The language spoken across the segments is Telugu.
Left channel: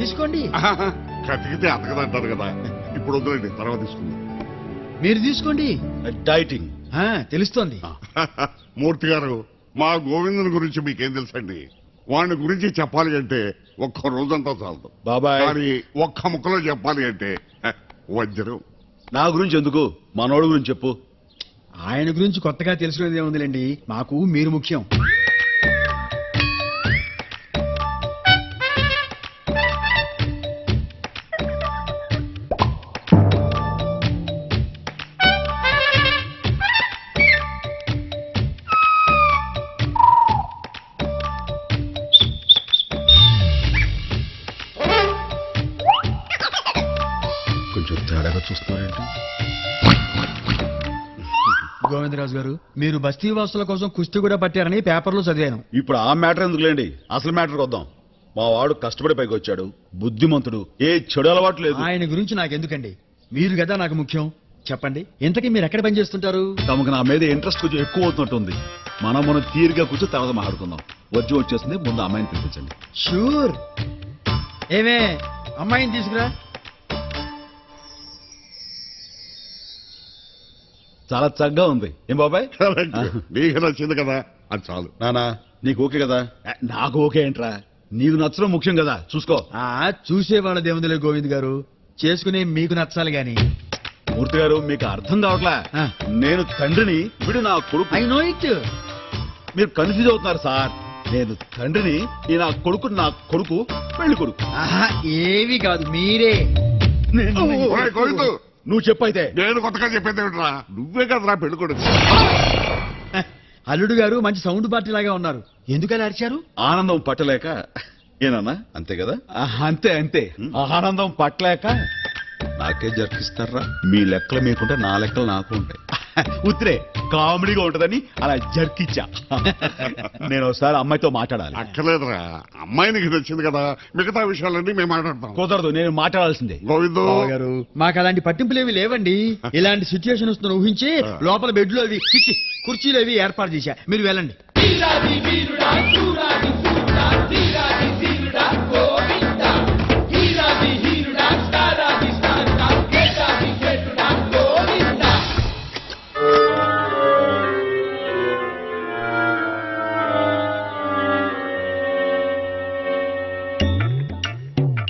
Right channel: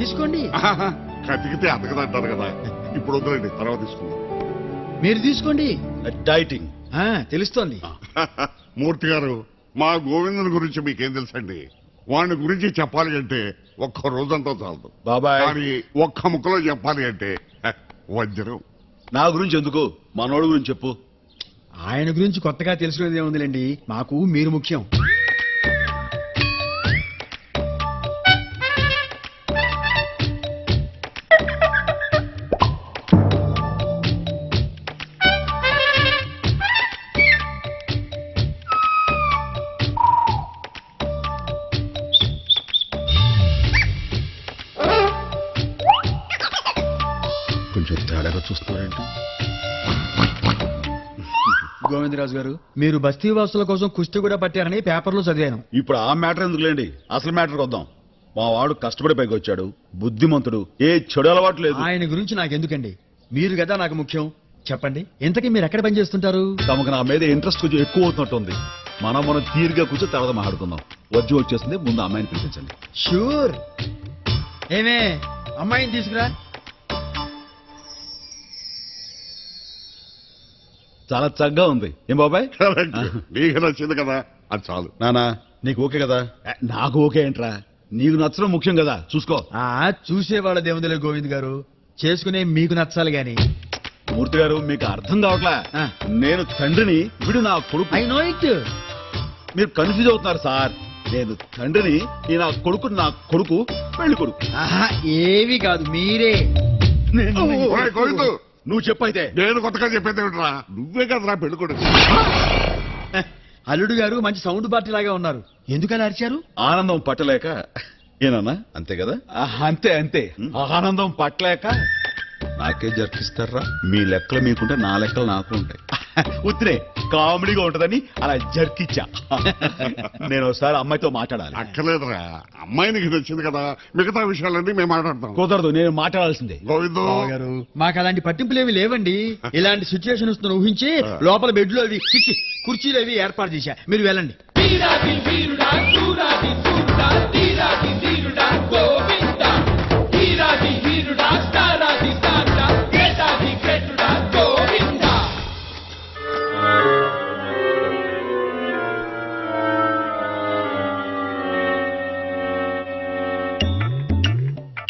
తీసుకోండి. కతికితే అతకదంటారు కదా, ఇప్పుడు వద్దులేండి, తర్వాత తీసుకుందాం. మీరు తీసుకోండి. డైటింగ్ తెలుస్తోంది. మూర్తి గారు, మా గోవిందుని గురించి మీకేం తెలుసండి? వాడిని గురించి చెప్పాలి అంటే ఒక్క రోజంతా చాలదు బాబాయ్. కానీ ఒక్క ముక్కలో చెప్పాలి అంటే వజ్రం. నా గురించి ఎందుకు, మనోడు గురించి చెప్పు. ఆయన గురించి కొత్తగా తెలుసుకునేది ఏముందిలేండి, మాకు మీరు ముఖ్యం. కొంచెం తేడాగా చూస్తున్నారేంటి? గోవిందరాజు గారు, మీరు బస్తీ వాసుల కోసం కుస్తీ కూడా పట్టారని పేపర్లో చదివాను. ఇప్పుడు ఆ మ్యాటర్ ఎందుకులేండి, అసలు మ్యాటర్కి వద్దాం. మా వాడు కష్టపడి పైకి వచ్చాడు, బుద్ధిమంతుడు, ఏ చెడు అలవాటు లేదు. ఆయన గురించి నాకెందుకండి, మీరు కదా నాకు ముఖ్యం. చెప్పండి, ఇంతకీ మీరు ఎక్కడ పని చేస్తుంటారు? తమకు నా మీద ఇంట్రెస్ట్ కొంచెం ఎక్కువ అవుతున్నట్టుంది. మనం తీరుగా కూర్చొని తర్వాత మాట్లాడుకుందాం. వజ్రం వచ్చేస్తుంది, ముందు అమ్మాయిని పిలిపించండి. షూర్. ఏమే, అమ్మాయిని తీసుకురా. చాలా చక్కగా ఉంది. ఏం బాబాయ్? నీకు నచ్చింది కదా, అది చాలు. నానా నీకు ఓకే కదా? నాకు ఓకే ఏంట్రా, నీకు నచ్చడం ముఖ్యం కదా, చూసుకో. చూసేవాళ్ళ దేవుందులే గోవింద్ గారు, చేసుకునే మీకు నచ్చాలి గాని. మూర్తి గారు, మీకు అర్థం కావట్లా. నేను తండ్రిని, వీడు నా కొడుకు. I know it. మీరు కన్ఫ్యూజ్ అవుతున్నారు సార్. నేను తండ్రిని, ఈ నా కొడుకు పెళ్లి కొడుకు. ఏవి కాదు, మీరే. ఒరేయ్ గోవిందు, నువ్వు చెప్పైతే. నేను కొత్తగా చెప్పేది ఏమిట్రా, నువ్వే కదరా పెళ్లి కొడుకు. అల్లుడు గారు మంచి సౌండ్ పార్టీ లాగా ఉన్నారు, ఎందుకలా అరిచారు? ఆనందం పట్టలేక. ఏనన్నా అంతే కదా? అంతే ఆనందం పట్టలేక నాకే జర్కిస్తారా? మీ లెక్కలు మీకుంటే నా లెక్కలు నాకు ఉంటాయి. ఉత్తిరే కామెడీగా ఉంటదని అలా జర్కిచ్చా. నేను ఒకసారి అమ్మాయితో మాట్లాడాలి. అక్కర్లేదురా, అమ్మాయి నీకు నచ్చింది కదా, మిగతా విషయాలన్నీ మేము మాట్లాడతాం. కుదరదు, నేను మాట్లాడాల్సిందే. గోవిందు గారు, మాకు అలాంటి పట్టింపులేవి లేవండి. ఇలాంటి సిచ్యువేషన్ వస్తున్న ఊహించి లోపల బెడ్లు అవి కుర్చీలు అవి ఏర్పాటు చేశా, మీరు వెళ్ళండి.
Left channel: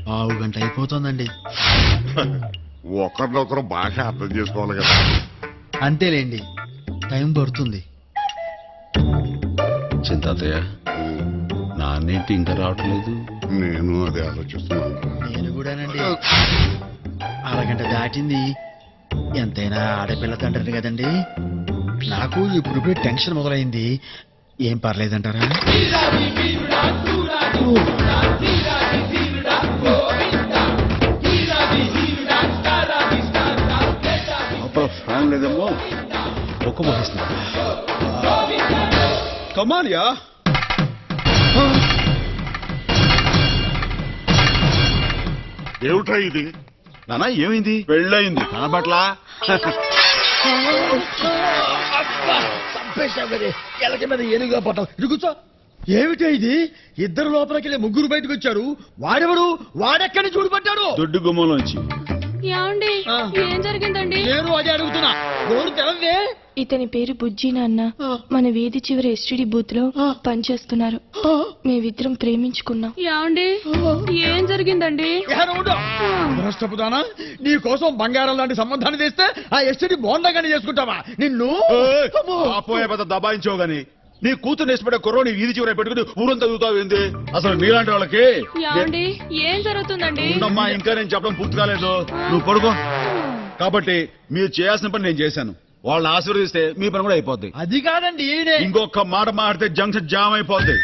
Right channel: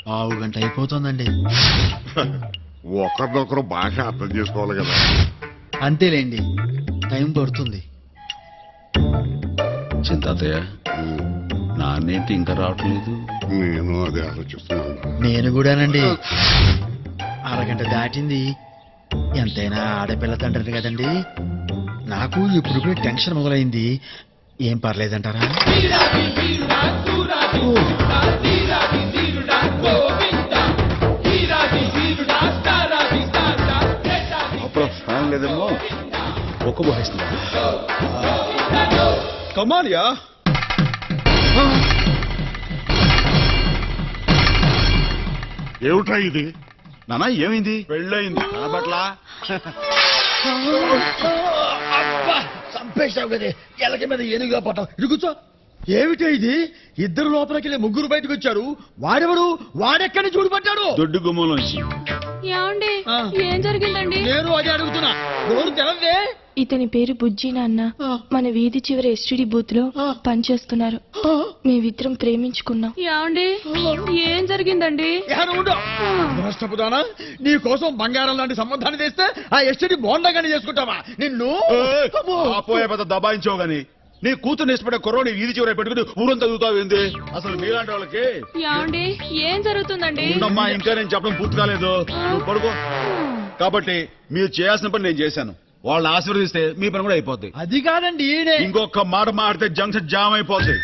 పావు గంట అయిపోతుందండి. ఒకరినొకరు బాగా అర్థం చేసుకోవాలి కదా. అంతేలేండి, టైం పడుతుంది. చింతాతయ్య, నాన్నేంటి ఇంకా రావట్లేదు? నేను అదే ఆలోచిస్తున్నాను. నేను కూడానండి. అరగంట దాటింది. ఎంతైనా ఆడపిల్ల తండ్రిని కదండి, నాకు ఇప్పుడు టెన్షన్ మొదలైంది. ఏం పర్లేదంటారా? అప్పుడు ఫ్యాన్ లేదేమో, ఒక్క పోసేస్తుందా? కమాలియా, ఏమిటా ఇది? నానా ఏమైంది? పెళ్ళయింది నా పట్ల. చంపేశావు కదే, ఎలక మీద ఏనుగుగా పట్టావు. ఇది కూర్చో. ఏమిటో ఇది? ఇద్దరు లోపలికి వెళ్ళి ముగ్గురు బయటకు వచ్చారు. వాడెవడు? వాడెక్కడి చూడు పట్టాడు? దొడ్డు గుమ్మంలోంచి. ఏమండి, ఏం జరిగిందండి? నేను అదే అడుగుతున్నా, నోరు తెలవే. ఇతని పేరు బుజ్జి నాన్న. మన వీధి చివరి ఎస్టీడీ బూత్ లో పనిచేస్తున్నారు. మేమిద్దరం ప్రేమించుకున్నాం. ఏమండి, ఏం జరిగిందండి? నష్టపోతానా? నీ కోసం బంగారం లాంటి సంబంధాన్ని తెస్తే ఆ ఎస్టీడీ బోండాగాని చేసుకుంటావా? నిన్ను పోయే పెద్ద దబాయించావు గాని, నీ కూతురు ఇష్టపడే కుర్రోని వీధి చివర పెట్టుకుని ఊరంతా చదువుతావేంది? అసలు మీలాంటి వాళ్ళకి. ఏమండి, ఏం జరుగుతుందండి? ఉండమ్మా, ఇంకా నేను చెప్పడం పూర్తి కాలేదు. నువ్వు పడుకో. కాబట్టి మీరు చేయాల్సిన పని నేను చేశాను. వాళ్ళని ఆశీర్వదిస్తే మీ పని కూడా అయిపోద్ది. అది కాదండి, ఇంకొక మాట మాడితే జంక్షన్ జామ్ అయిపోద్ది.